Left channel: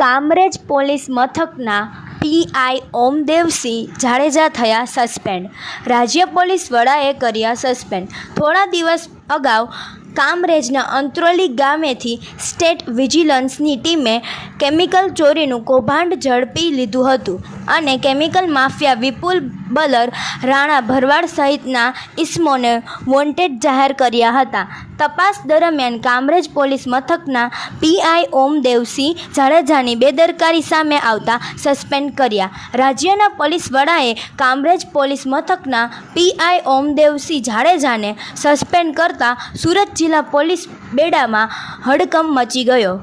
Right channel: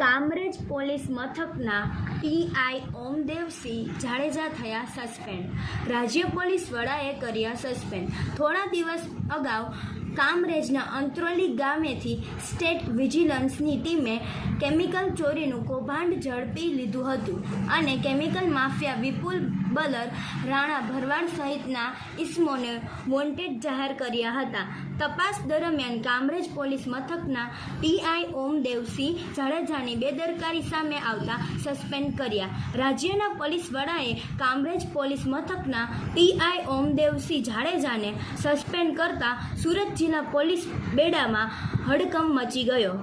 Kamrej police મથકના PI Omdevsinh Jadeja થયા suspend. રાજ્ય પોલીસ વડાએ કર્યા સસ્પેન્ડ. થોડા દિવસ અગાઉ કામરેજના અંત્રોલી ગામેથી સ્ટેટ વિજિલન્સની ટીમે કેમિકલ ચોરીનું કૌભાંડ ઝડપી લીધું હતું અને કેમિકલ માફિયા વિપુલ બલર, રાણા ભરવાડ સહિતના ઇસમોને વોન્ટેડ જાહેર કર્યા હતા. તપાસ દરમિયાન કામરેજ પોલીસ મથકના પીઆઈ ઓમદેવસિંહ જાડેજાની બેદરકારી સામે આવતા સસ્પેન્ડ કર્યા. રાજ્યના પોલીસ વડાએ કામરેજ પોલીસ મથકના પીઆઈ ઓમદેવસિંહ જાડેજાને સસ્પેન્ડ કરતા સુરત જિલ્લા પોલીસ બેડામાં હડકંપ મચી ગયો.